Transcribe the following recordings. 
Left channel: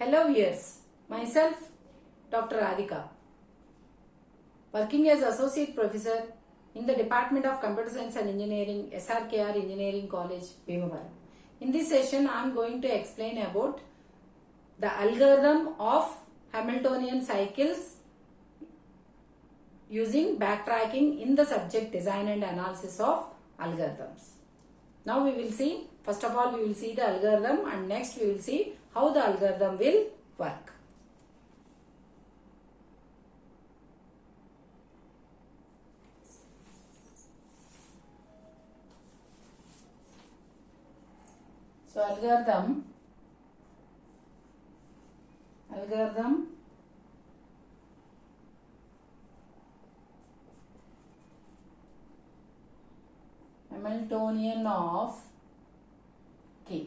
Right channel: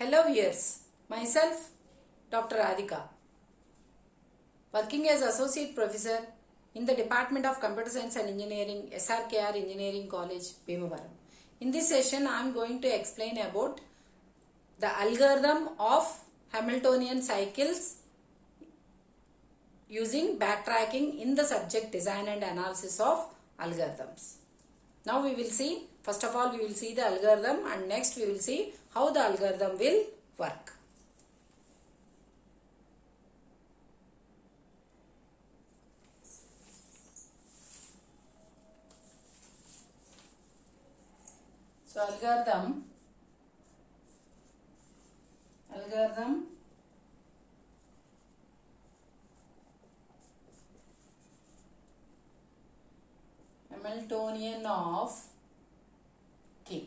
Hello viewers, myself Dr. Radhika, working as Associate Professor in the Department of Computer Science and Engineering, SRKR Engineering College, Bhimavaram. In this session, I am going to explain about the algorithm of Hamiltonian cycles using backtracking in the subject design and analysis of algorithms. Now we will see, first of all we will see the algorithm, and next we will see how the algorithm will work. So algorithm Hamiltonian of K.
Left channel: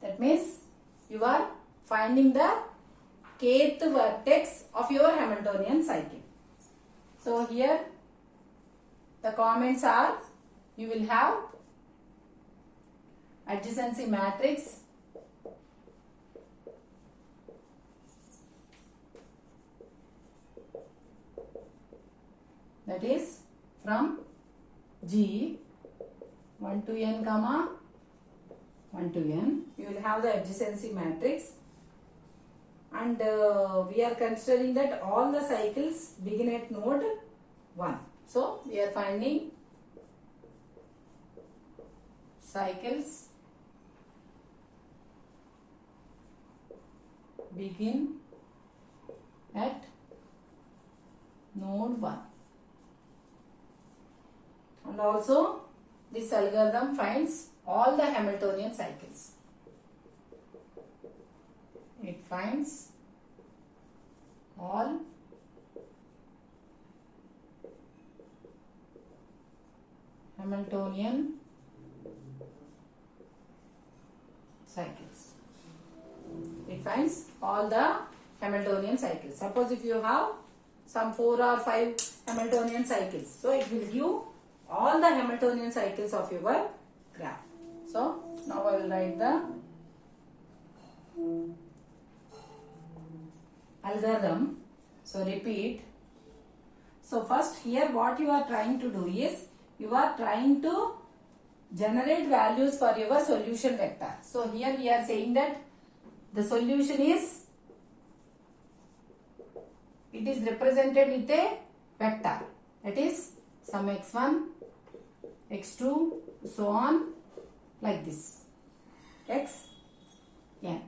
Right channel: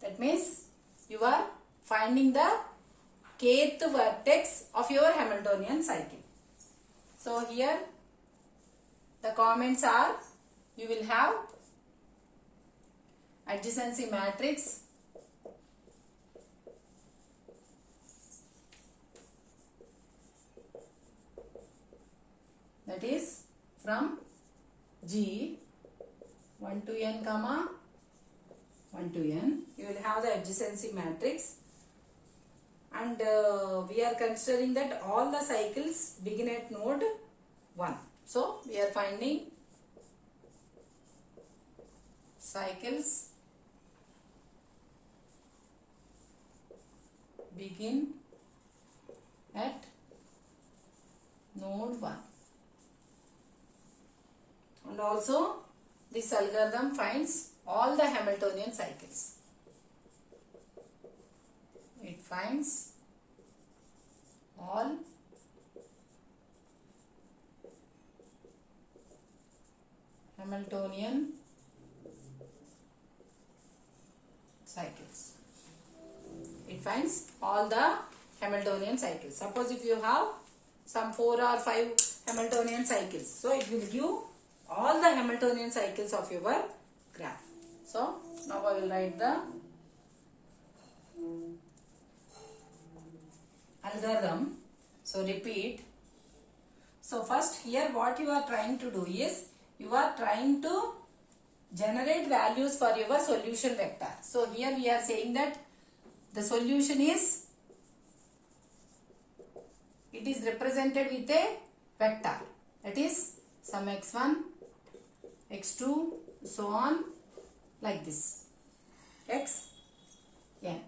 That means you are finding the kth vertex of your Hamiltonian cycle. So here the comments are, you will have adjacency matrix, that is from G 1 to n comma 1 to n. You will have the adjacency matrix, and we are considering that all the cycles begin at node 1. So we are finding cycles begin at node 1. And also this algorithm finds all the Hamiltonian cycles. It finds all Hamiltonian cycles. It finds all the Hamiltonian cycles. Suppose if you have some 4 or 5 Hamiltonian cycles, so it will give all the Hamiltonian cycles of your graph. So now I will write the algorithm. So repeat. So first here what you are trying to do is, you are trying to generate values for your solution vector. So here we are saying that the solution is, it is represented with a vector, that is some x1, x2, so on, like this, x, n.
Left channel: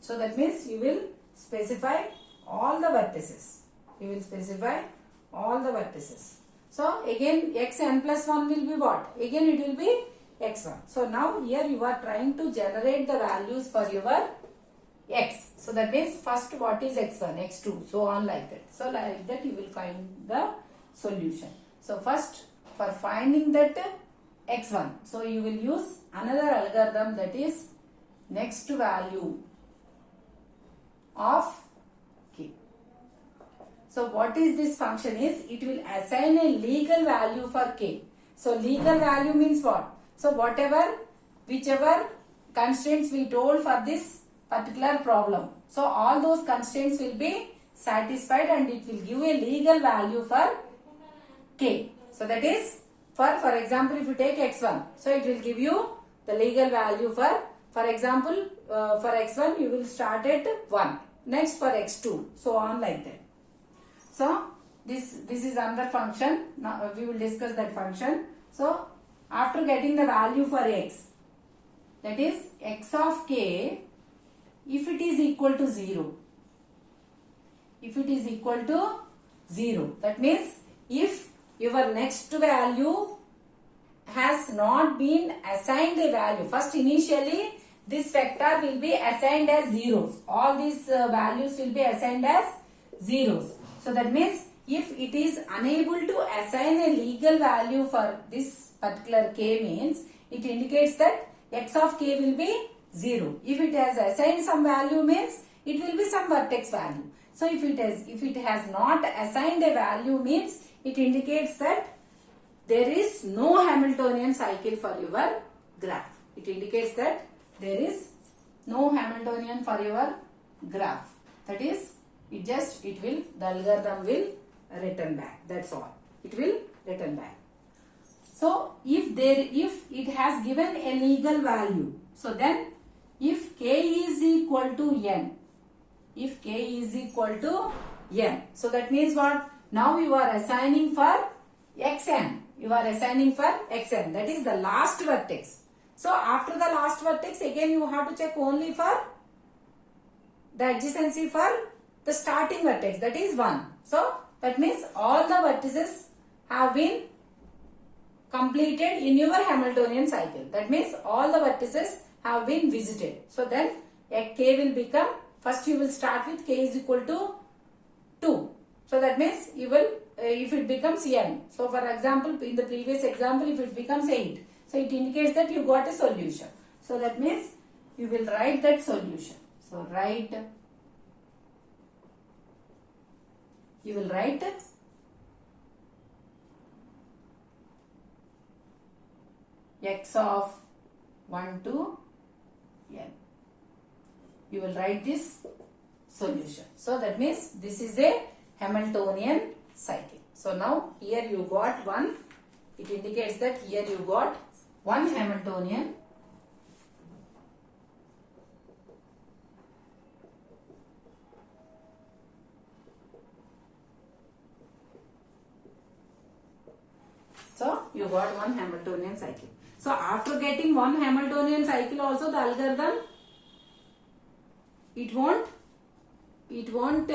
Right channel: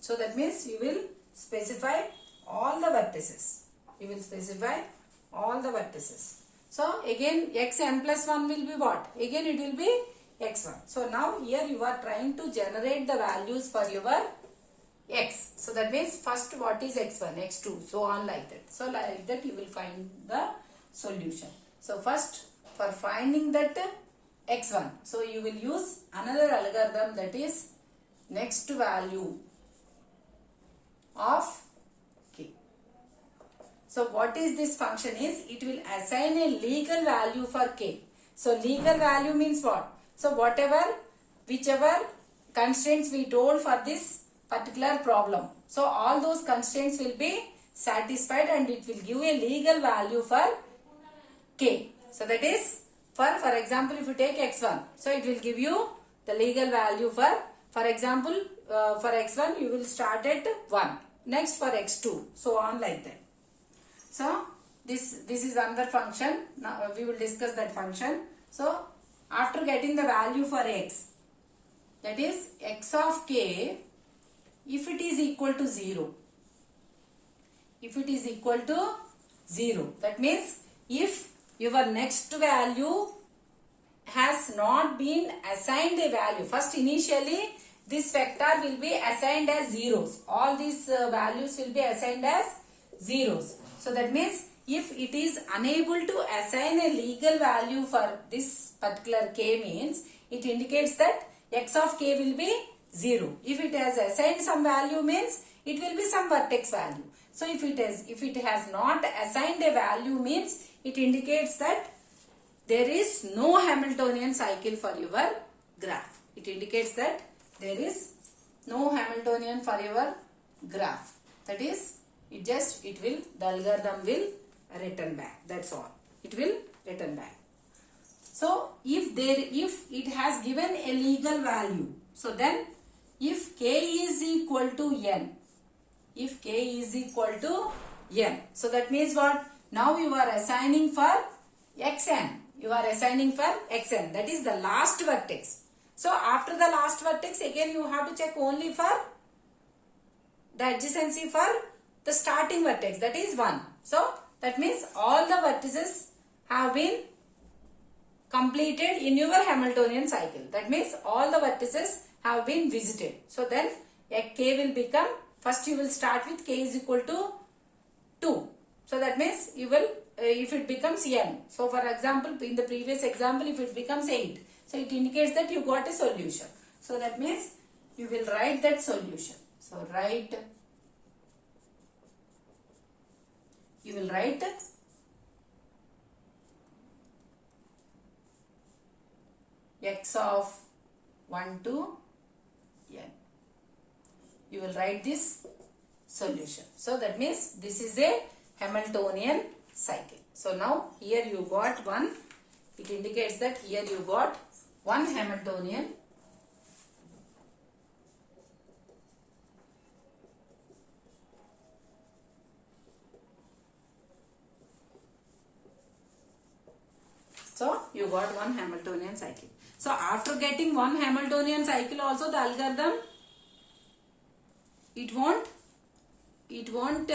So that means you will specify all the vertices. You will specify all the vertices. So again xn plus 1 will be what? Again it will be x1. So now here you are trying to generate the values for your x. So that means first what is x1, x2, so on like that. So like that you will find the solution. So first for finding that x1, so you will use another algorithm, that is next value of k. So what is this function is, it will assign a legal value for k. So legal value means what? So whichever constraints we told for this particular problem, so all those constraints will be satisfied and it will give a legal value for k. So that is, for example, if you take x1, so it will give you the legal value for example, for x1 you will start at 1, next for x2, so on like that. So this is another function. Now we will discuss that function. So after getting the value for x, that is x of k, if it is equal to 0, that means if your next value has not been assigned a value. First initially this vector will be assigned as zeros. All these values will be assigned as zeros. So that means if it is unable to assign a legal value for this particular k, means it indicates that x of k will be 0. If it has assigned some value, means it will be some vertex value. So if it has not assigned a value, means it indicates that there is no Hamiltonian cycle for your graph. It indicates that there is no Hamiltonian for your graph. That is, the algorithm will return back. That's all. It will return back. So if it has given a legal value, so then if k is equal to n, so that means what? Now you are assigning for xn. That is the last vertex. So after the last vertex, again you have to check only for the adjacency for the starting vertex, that is 1. So that means all the vertices have been completed in your Hamiltonian cycle. That means all the vertices have been visited. So then k will become, first you will start with k is equal to 2. So that means you will, if it becomes n. So for example, in the previous example, if it becomes 8. So it indicates that you got a solution. So that means you will write that solution. So you will write x of 1 to n. You will write this solution. So that means this is a Hamiltonian cycle. So now here you got one. It indicates that here you got one Hamiltonian . So you got one Hamiltonian cycle. So after getting one Hamiltonian cycle also, the algorithm, it won't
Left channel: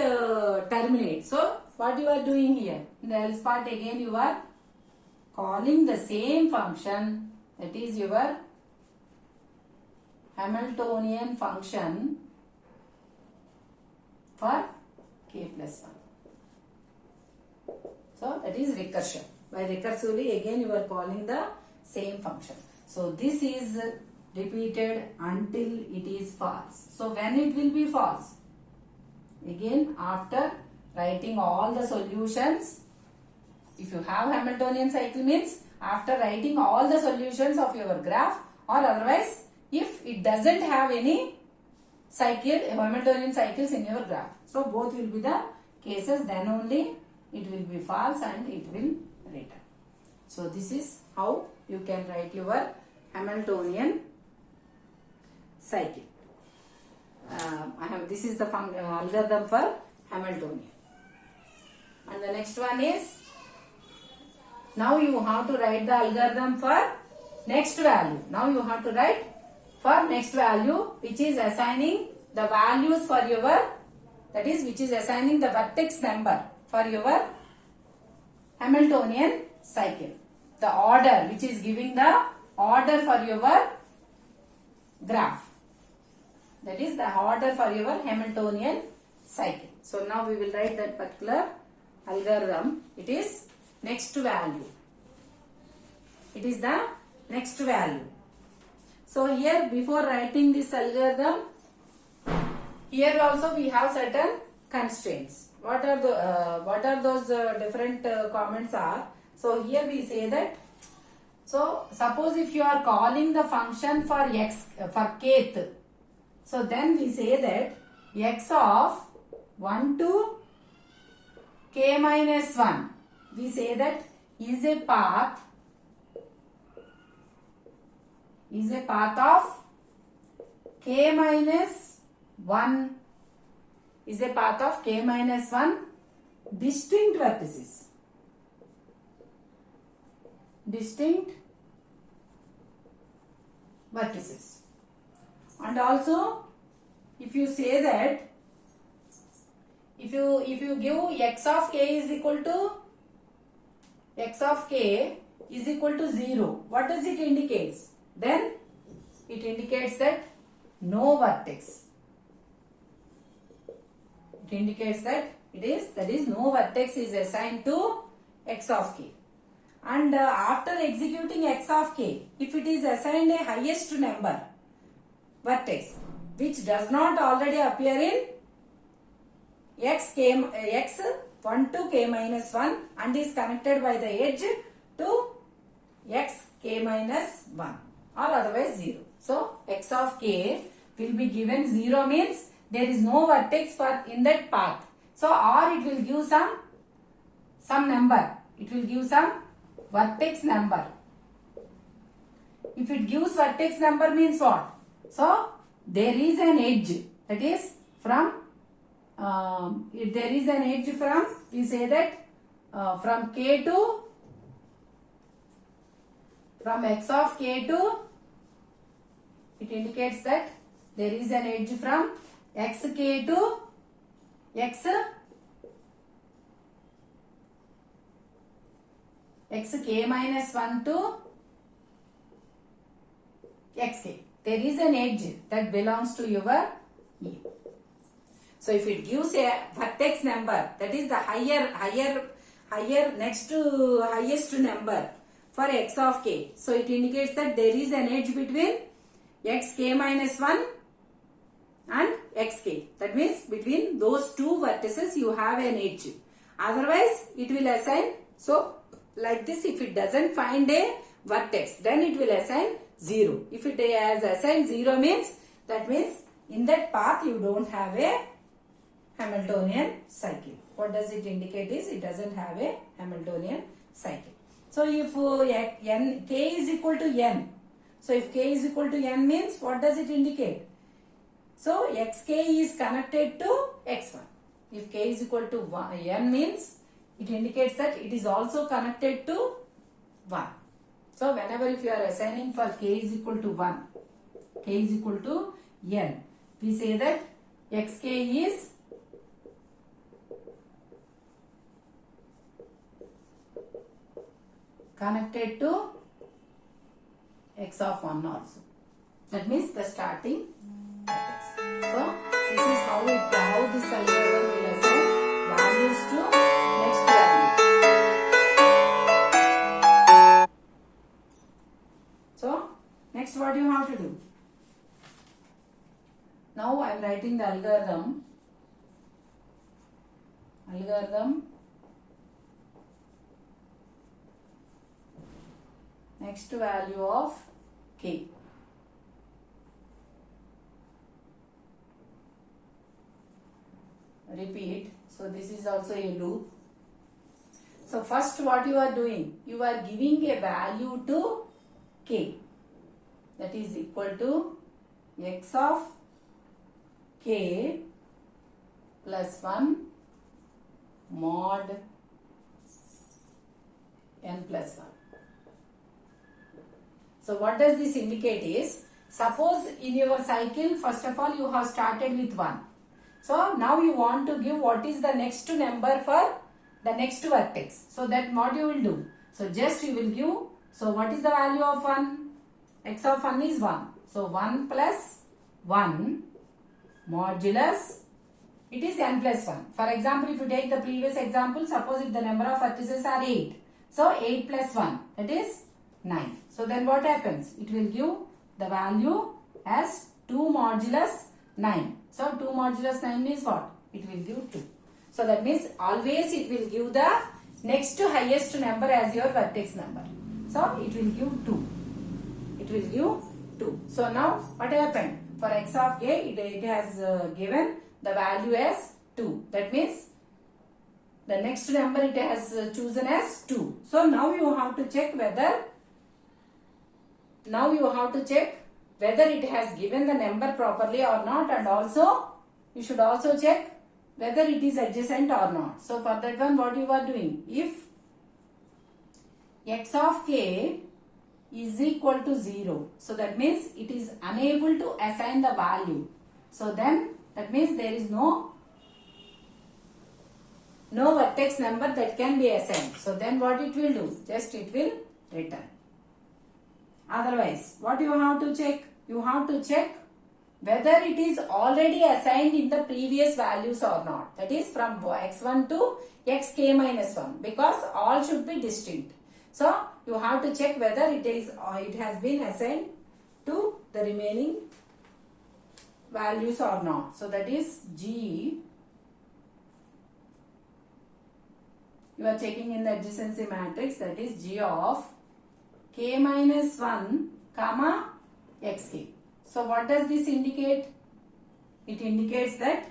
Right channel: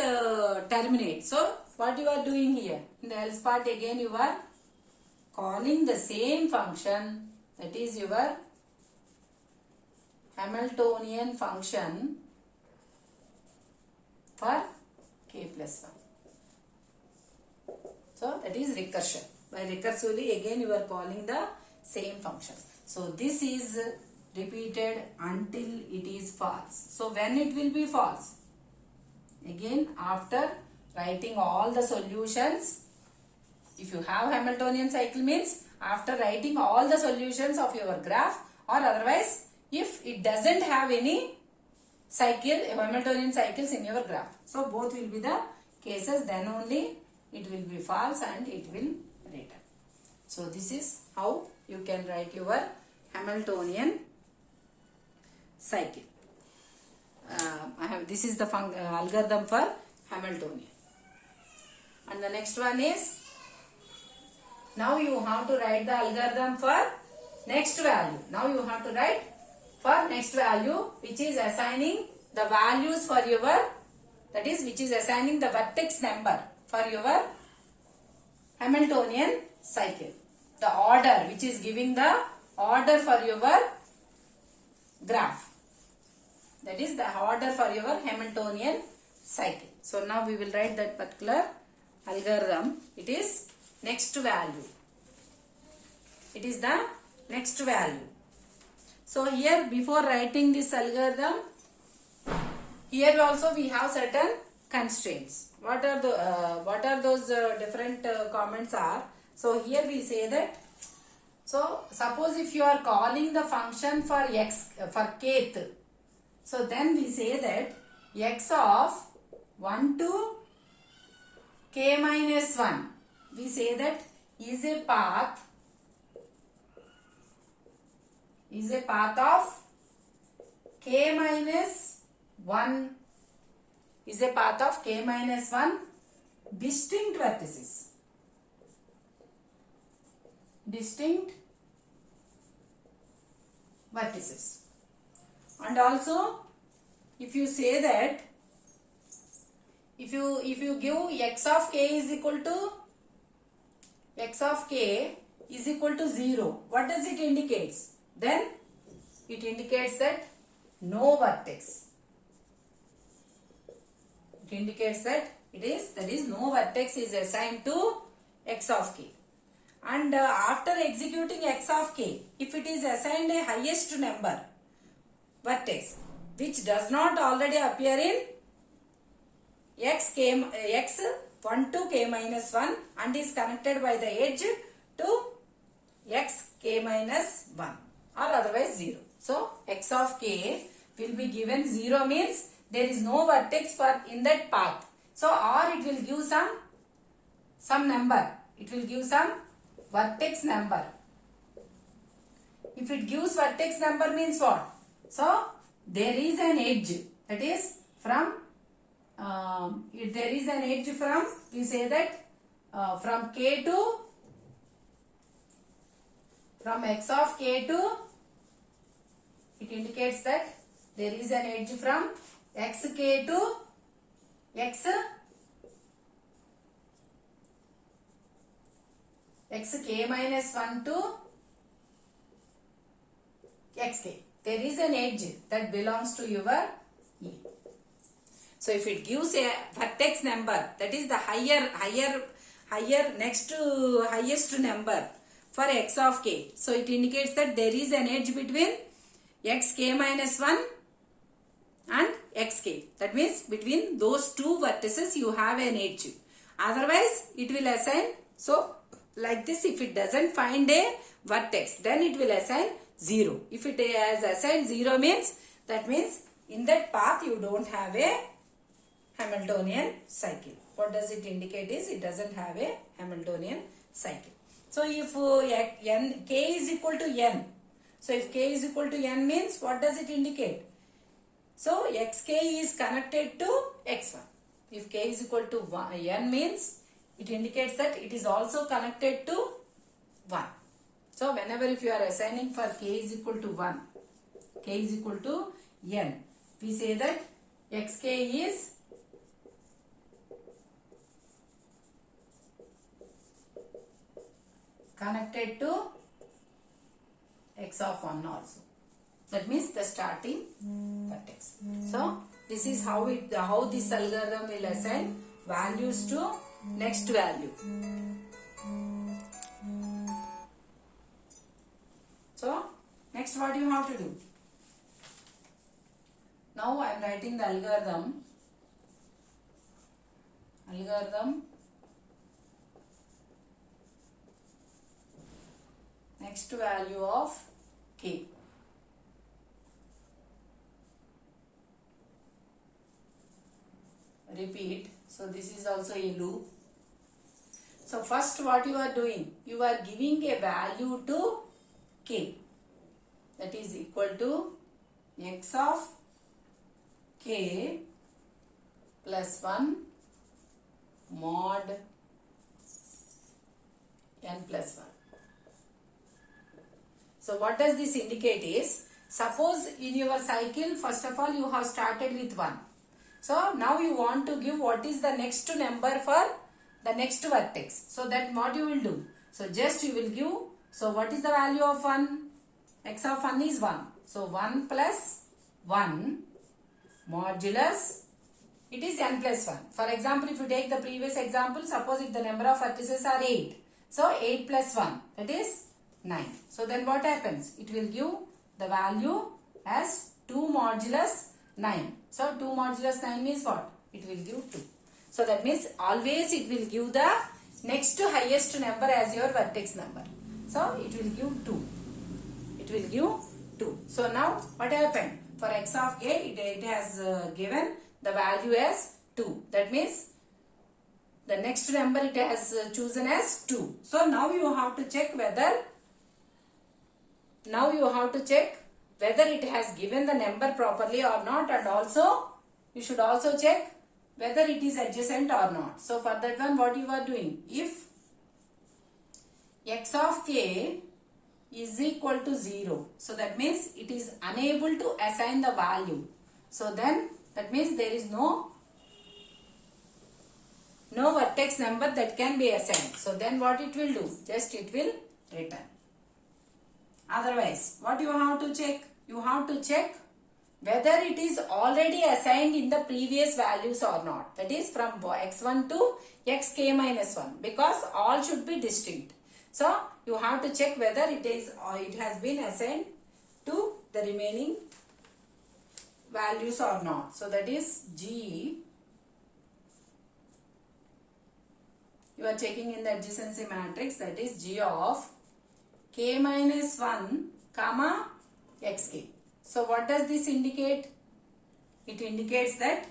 terminate. So what you are doing here, in the else part again you are calling the same function, that is your Hamiltonian function for k plus 1. So that is recursion. By recursively again you are calling the same function. So this is repeated until it is false. So when it will be false? Again after writing all the solutions. If you have Hamiltonian cycle means after writing all the solutions of your graph, or otherwise if it doesn't have any Hamiltonian cycles in your graph. So both will be the cases, then only it will be false and it will return. So this is how you can write your Hamiltonian cycle. This is the algorithm for Hamiltonian. And the next one is, now you have to write the algorithm for next value. Now you have to write for next value, which is assigning the values for your, that is which is assigning the vertex number for your Hamiltonian cycle. The order, which is giving the order for your graph. That is the order for your Hamiltonian cycle. So now we will write that particular algorithm. It is next value. It is the next value. So here, before writing this algorithm, here also we have certain constraints. What are those different comments are? So here we say that, so suppose if you are calling the function for kth, so then we say that x of 1 to k minus 1, we say that is a path of k minus 1, is a path of k minus 1 distinct vertices. And also if you say that, if you give x of k is equal to 0, what does it indicate? Then it indicates that no vertex. It indicates that no vertex is assigned to x of k. And after executing x of k, if it is assigned a highest number vertex which does not already appear in x 1 to k minus 1 and is connected by the edge to x k minus 1 or otherwise 0. So x of k, will be given 0 means there is no vertex for in that path. So or it will give some number. It will give some vertex number. If it gives vertex number means what? So there is an edge, that is from if there is an edge from, we say that from k to, from x of k to, it indicates that there is an edge from xk to xk minus 1 to xk. There is an edge that belongs to your E. So if it gives a vertex number, that is the higher next to highest number for x of k. So it indicates that there is an edge between xk minus 1 and xk. That means between those two vertices you have an edge. Otherwise it will assign, so like this, if it doesn't find a vertex, then it will assign 0. If it has assigned 0 means, that means in that path you don't have a Hamiltonian cycle. What does it indicate is it doesn't have a Hamiltonian cycle. So if k is equal to n, so if k is equal to n means what does it indicate? So xk is connected to x1. If k is equal to n means it indicates that it is also connected to 1. So whenever if you are assigning for k is equal to 1, k is equal to n, we say that xk is connected to x of 1 also. That means the starting vertex. So this is how this algorithm will assign values to next value. So next what you have to do? Now I am writing the algorithm. Next value of k. Repeat. So this is also a loop. So first what you are doing? You are giving a value to k, that is equal to x of k plus 1 mod n plus 1. So what does this indicate is, suppose in your cycle first of all you have started with 1. So now you want to give what is the next number for the next vertex. So that what you will do? So just you will give, so what is the value of 1? X of 1 is 1. So 1 plus 1 modulus, it is n plus 1. For example, if you take the previous example, suppose if the number of vertices are 8. So 8 plus 1, that is 9. So then what happens? It will give the value as 2 modulus 9. So 2 modulus 9 is what? It will give 2. So that means always it will give the next to highest number as your vertex number. So it will give 2. It will give 2. So now what happened? For x of k, it has given the value as 2. That means the next number it has chosen as 2. So now you have to check whether it has given the number properly or not, and also you should also check whether it is adjacent or not. So for that one, what you are doing? If x of k is equal to 0, so that means it is unable to assign the value. So then that means there is no vertex number that can be assigned. So then what it will do? Just it will return. Otherwise, what you have to check? You have to check whether it is already assigned in the previous values or not. That is from x1 to xk minus 1, because all should be distinct. So you have to check whether it has been assigned to the remaining values or not. So that is G. You are checking in the adjacency matrix, that is G of k minus 1 comma xk. So what does this indicate? It indicates that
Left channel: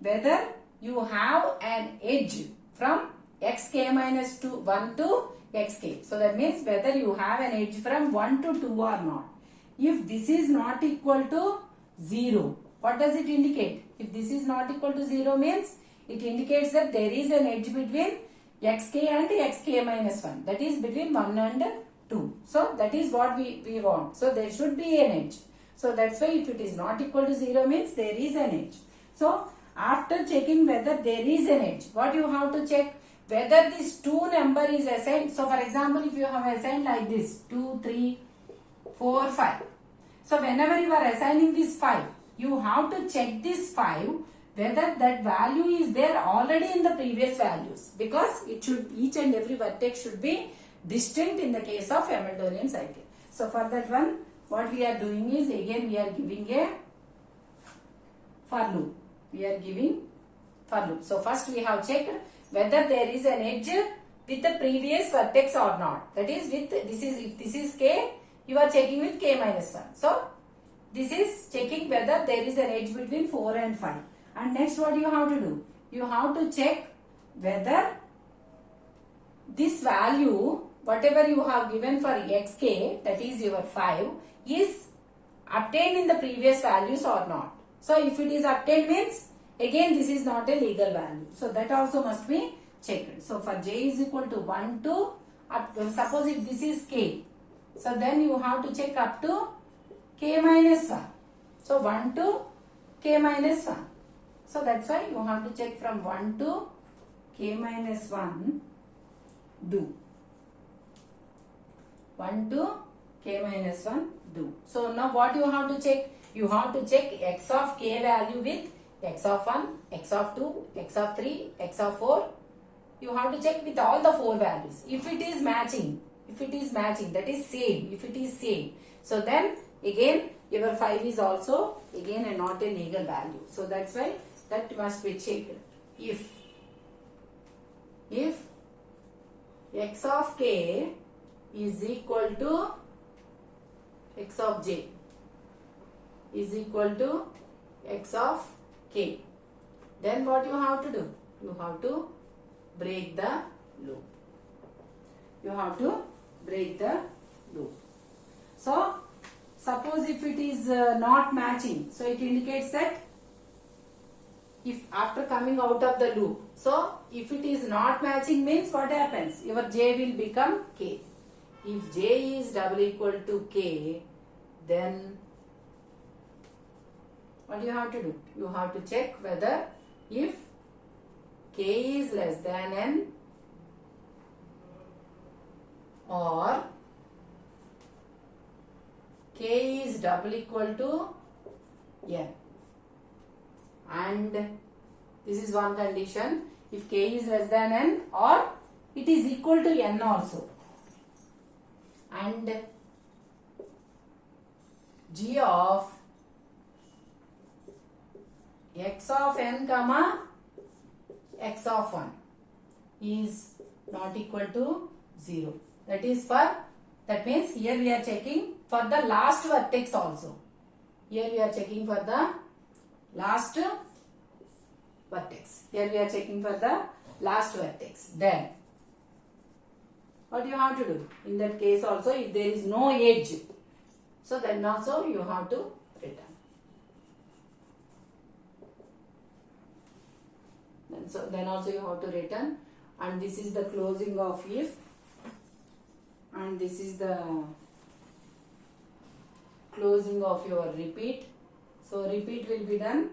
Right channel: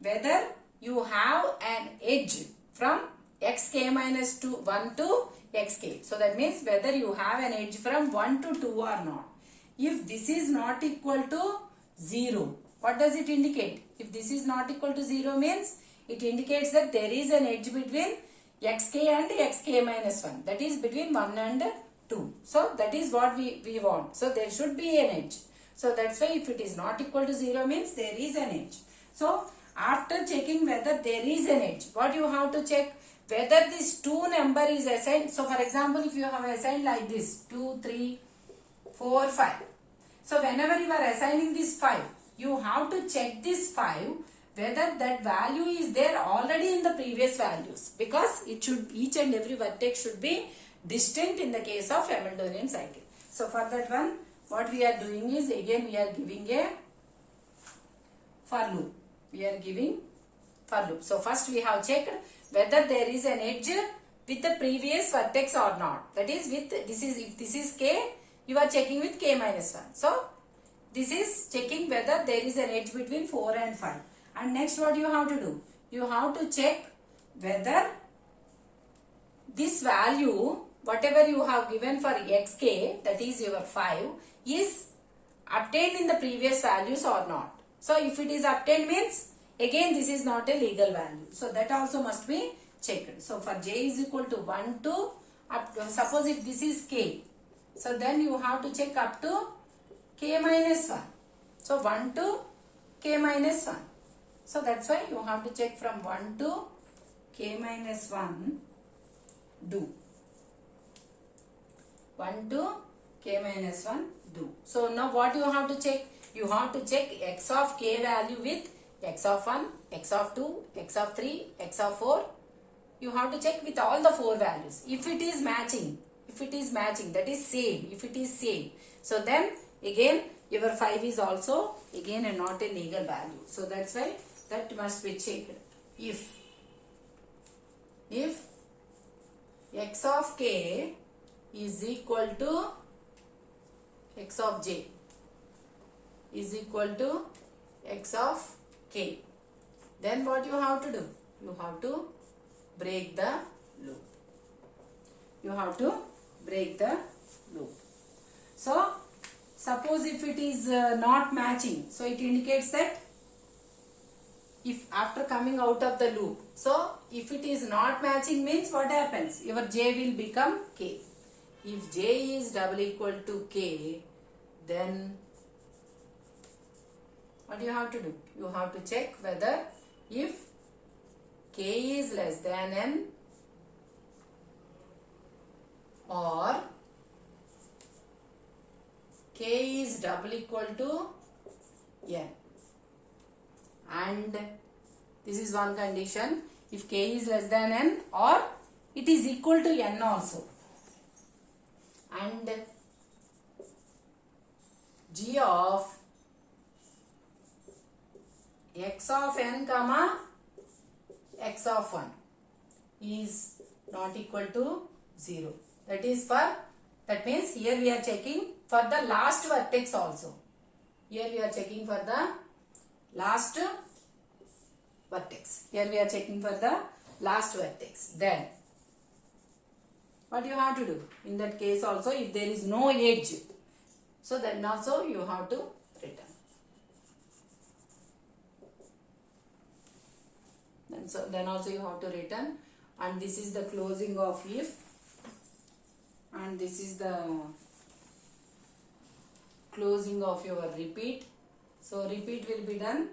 whether you have an edge from xk minus 2, 1 to xk. So that means whether you have an edge from 1 to 2 or not. If this is not equal to 0, what does it indicate? If this is not equal to 0 means it indicates that there is an edge between xk and xk minus 1. That is between 1 and 2. So that is what we want. So there should be an edge. So that's why if it is not equal to 0 means there is an edge. So after checking whether there is an edge, what you have to check? Whether this 2 number is assigned. So for example, if you have assigned like this 2, 3, 4, 5. So whenever you are assigning this 5, you have to check this 5 whether that value is there already in the previous values, because it should, each and every vertex should be distinct in the case of Hamiltonian cycle. So for that one, what we are doing is, again we are giving a for loop. We are giving for loop. So first we have checked whether there is an edge with the previous vertex or not. That is with this is, if this is k, you are checking with k minus 1. So this is checking whether there is an edge between 4 and 5. And next what you have to do? You have to check whether this value, whatever you have given for xk, that is your 5, is obtained in the previous values or not. So if it is obtained means, again this is not a legal value. So that also must be checked. So for j is equal to 1 to, suppose if this is k, so then you have to check up to k minus 1. So 1 to k minus 1. So that's why you have to check from 1 to k minus 1 do. 1 to k minus 1 do. So now what you have to check? You have to check x of k value with x of 1, x of 2, x of 3, x of 4. You have to check with all the 4 values. If it is matching, that is same, if it is same. So then again your 5 is also again and not a legal value. So that's why that must be checked. If x of k is equal to x of j is equal to x of k, then what you have to do? You have to break the loop. You have to break the loop. So suppose if it is not matching, so it indicates that if after coming out of the loop, so if it is not matching means what happens? Your j will become k. If j is double equal to k, then what you have to do? You have to check whether if k is less than n or k is double equal to n. And this is one condition, if k is less than n or it is equal to n also. And g of x of n comma x of 1 is not equal to 0. That is for, that means here we are checking for the last vertex also. Here we are checking for the last vertex. Here we are checking for the last vertex. Then what you have to do? In that case also, if there is no edge, so then also you have to return. And so then also you have to return, and this is the closing of if, and this is the closing of your repeat. So repeat will be done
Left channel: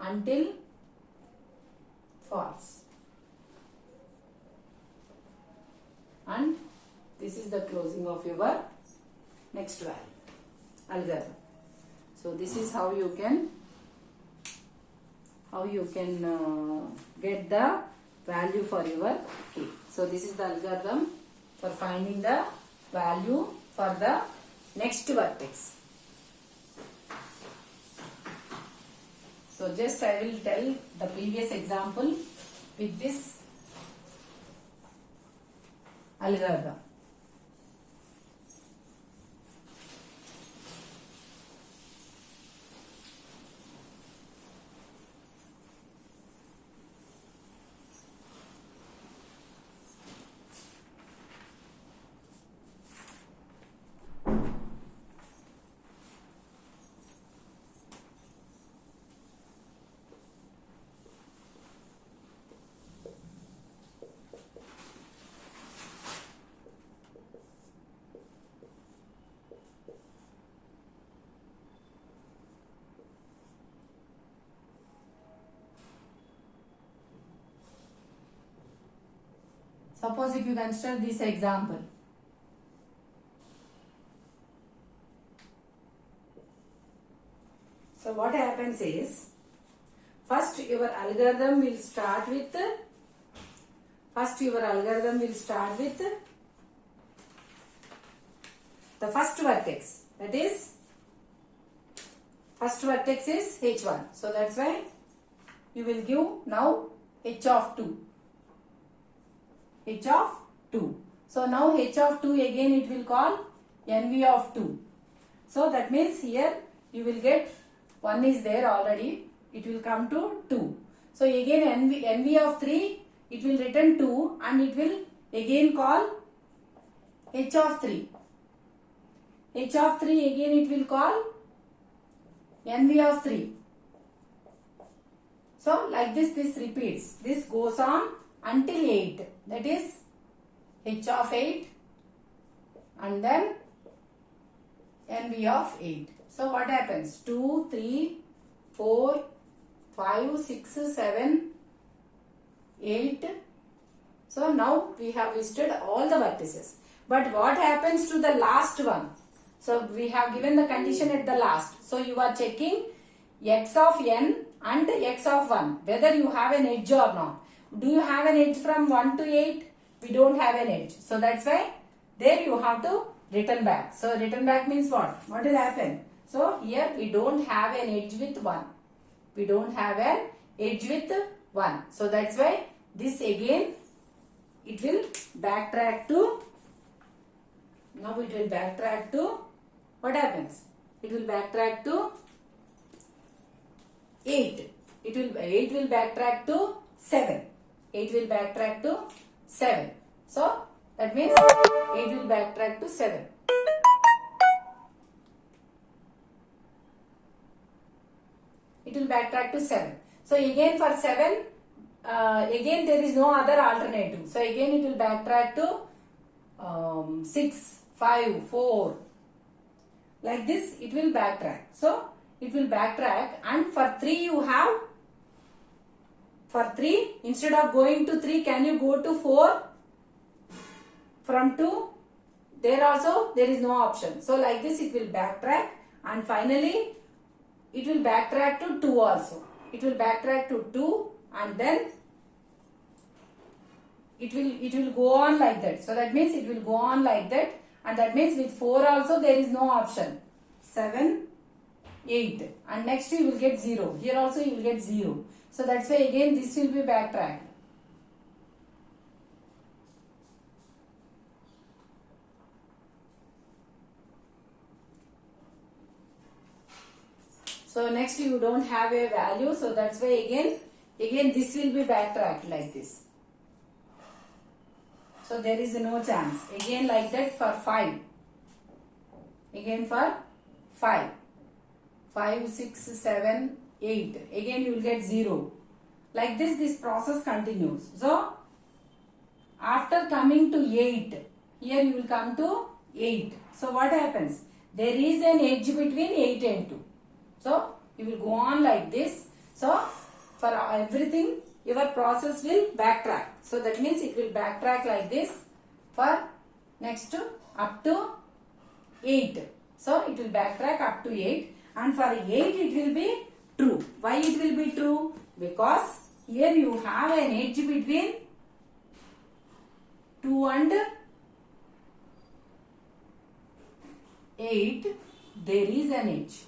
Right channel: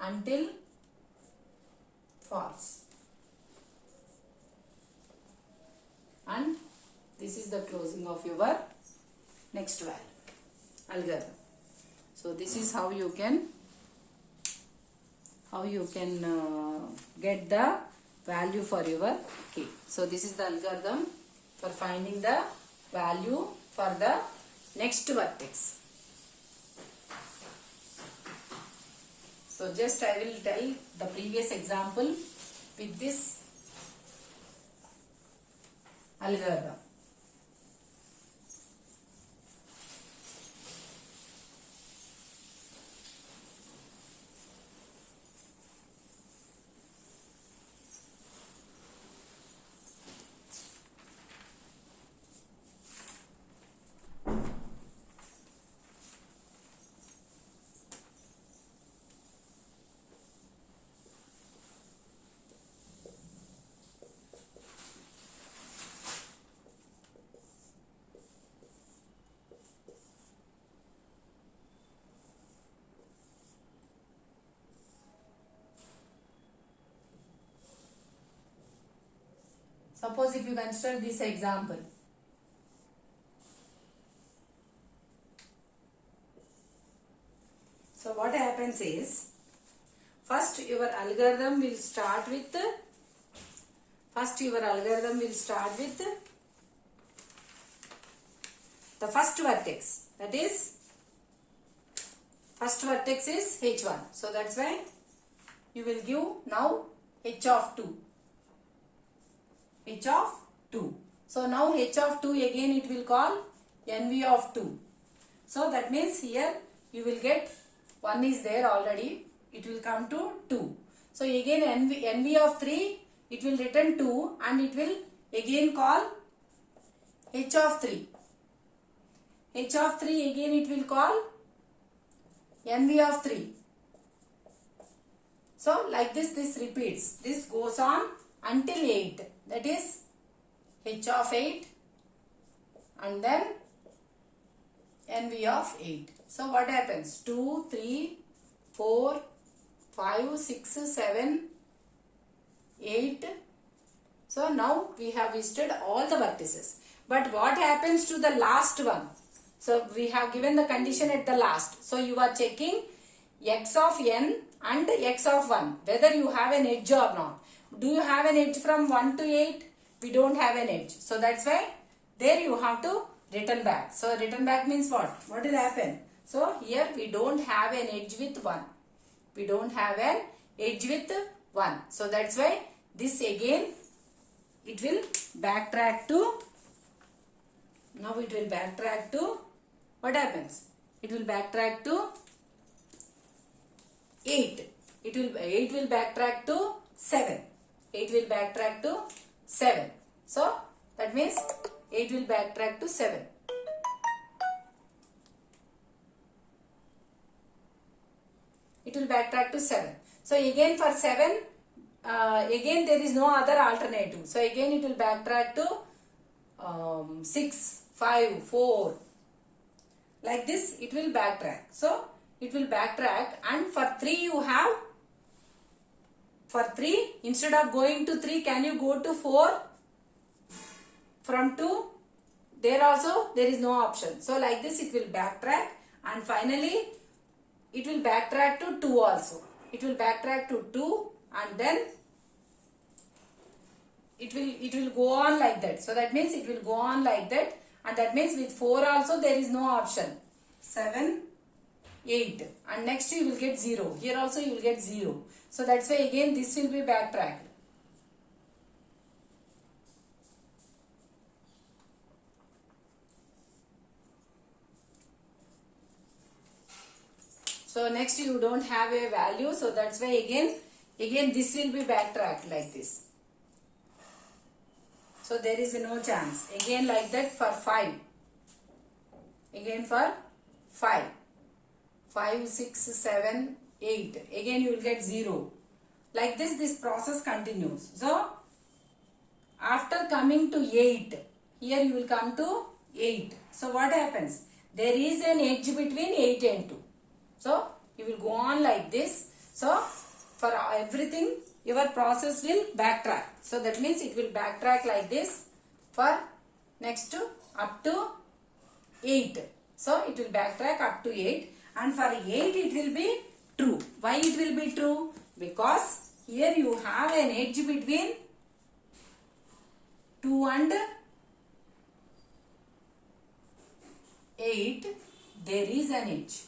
until false, and this is the closing of your next value algorithm. So this is how you can get the value for your k. So this is the algorithm for finding the value for the next vertex. So just I will tell the previous example with this algorithm. Suppose if you consider this example. So what happens is, first your algorithm will start with the first vertex. That is, first vertex is h1. So that's why you will give now h of 2. H of 2. So now h of 2 again it will call nv of 2. So that means here you will get 1 is there already. It will come to 2. So again nv of 3 it will return 2 and it will again call h of 3. H of 3 again it will call nv of 3. So like this repeats. This goes on until 8. That is h of 8 and then nv of 8. So what happens? 2, 3, 4, 5, 6, 7, 8. So now we have listed all the vertices. But what happens to the last one? So we have given the condition at the last. So you are checking x of n and x of 1. Whether you have an edge or not. Do you have an edge from 1 to 8? We don't have an edge. So that's why there you have to return back. So return back means what? What will happen? So here we don't have an edge with 1. We don't have an edge with 1. So that's why this again it will backtrack to, now it will backtrack to, what happens? It will backtrack to 8. 8 will backtrack to 7. 8 will backtrack to 7. So that means 8 will backtrack to 7. It will backtrack to 7. So again for 7, again there is no other alternative. So again it will backtrack to 6, 5, 4. Like this it will backtrack. So it will backtrack, and for 3 you have, for 3 instead of going to 3 can you go to 4? From 2 there also there is no option. So like this it will backtrack, and finally it will backtrack to 2 also. It will backtrack to 2 and then it will go on like that. So that means it will go on like that, and that means with 4 also there is no option. 7, 8, and next you will get 0. Here also you will get 0. So that's why again this will be backtracked. So next you don't have a value, so that's why again this will be backtracked like this. So there is no chance. Again like that for 5. Again for 5. 5, 6, 7, 8. Again you will get 0. Like this process continues. So after coming to 8, here you will come to 8. So what happens? There is an edge between 8 and 2. So you will go on like this. So for everything your process will backtrack. So that means it will backtrack like this for next to up to 8. So it will backtrack up to 8, and for 8 it will be true. Why it will be true? Because here you have an edge between 2 and 8. There is an edge.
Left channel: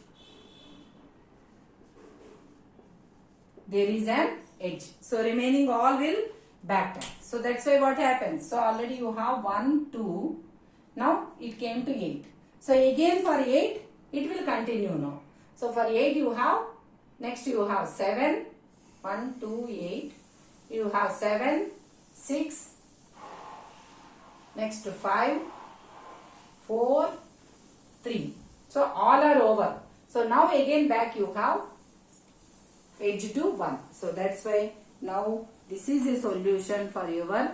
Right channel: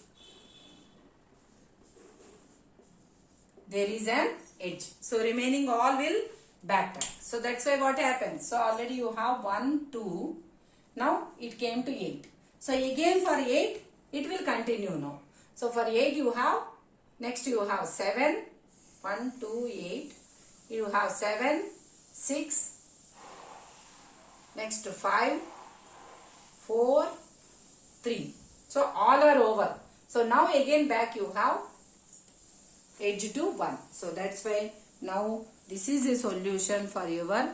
There is an edge. So remaining all will backtrack. So that's why what happens? So already you have 1, 2. Now it came to 8. So again for 8 it will continue now. So for 8 you have, next you have 7. 1, 2, 8. You have 7, 6. Next 5, 4, 3. So all are over. So now again back you have edge to 1. So that's why now this is a solution for your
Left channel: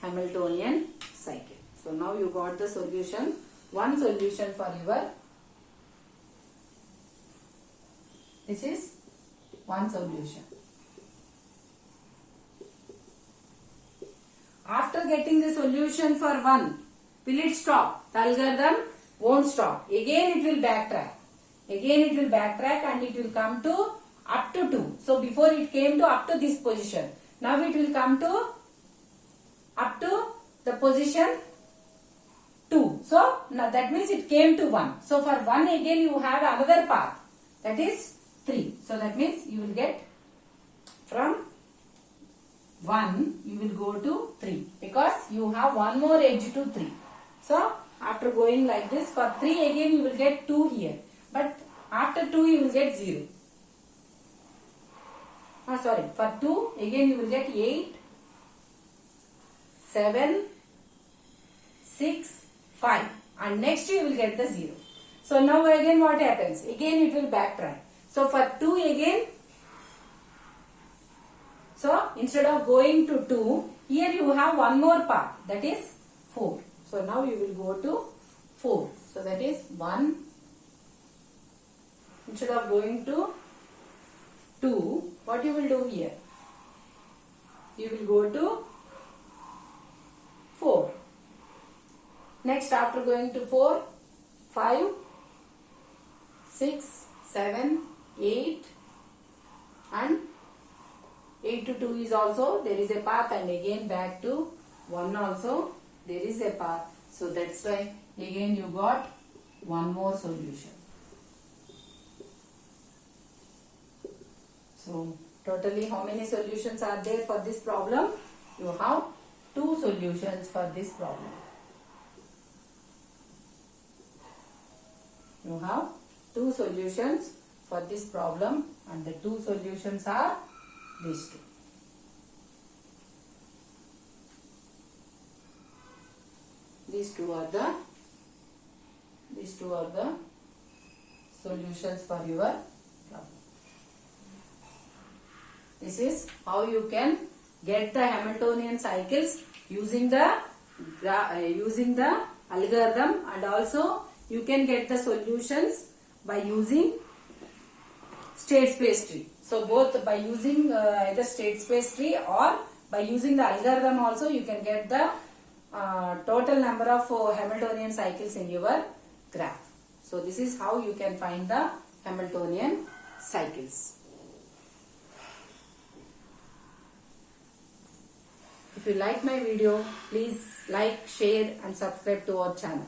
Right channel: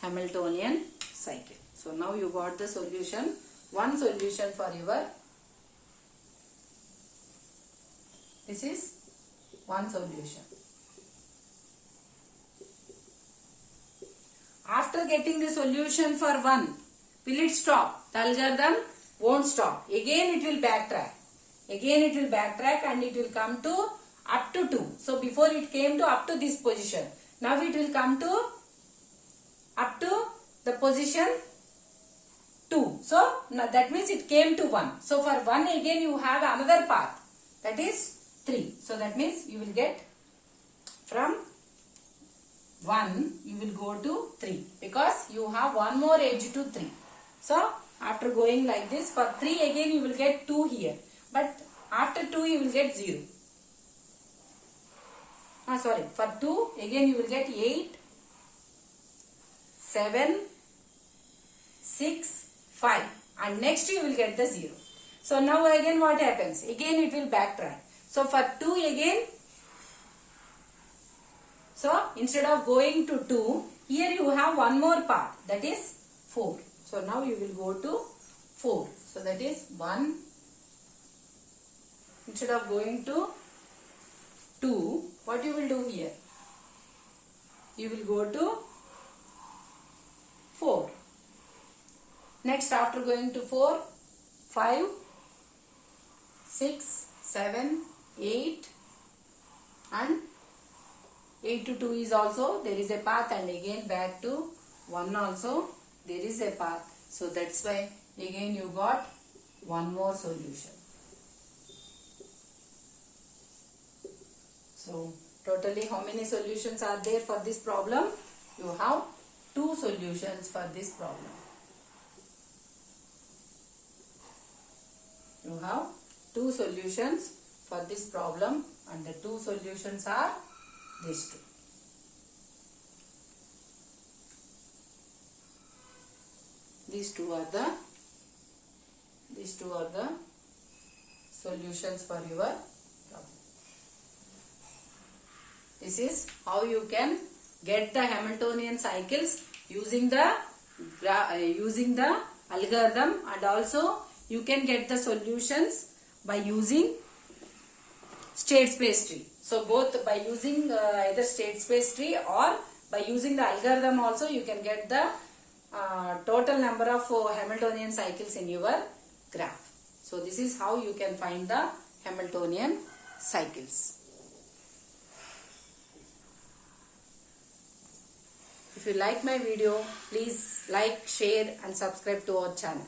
Hamiltonian cycle. So now you got the solution, one solution for your, this is one solution. After getting the solution for 1, will it stop? The algorithm won't stop. Again it will backtrack. Again it will backtrack and it will come to up to 2. So before it came to up to this position. Now it will come to up to the position 2. So now that means it came to 1. So for 1 again you have another path. That is 3. So that means you will get from 1 you will go to 3 because you have one more edge to 3. So after going like this, for 3 again you will get 2 here. But after 2 you will get 0. For 2 again you will get 8, 7, 6, 5 and next you will get the 0. So now again what happens? Again it will backtrack. So for 2 again, so instead of going to 2, here you have one more path, that is 4. So now you will go to 4. So that is 1. Instead of going to 2, what you will do here? You will go to 4. Next after going to 4, 5, 6, 7, 8 and 8 to 2 is also there is a path and again back to 1 also there is a path. So that's why again you got one more solution. So totally how many solutions are there for this problem? You have 2 solutions for this problem. You have 2 solutions for this problem and the 2 solutions are these 2. These two are the solutions for your problem. This is how you can get the Hamiltonian cycles using the algorithm, and also you can get the solutions by using state space tree. So both by using either state space tree or by using the algorithm also you can get the total number of Hamiltonian cycles in your graph. So this is how you can find the Hamiltonian cycles. If you like my video, please like, share and subscribe to our channel.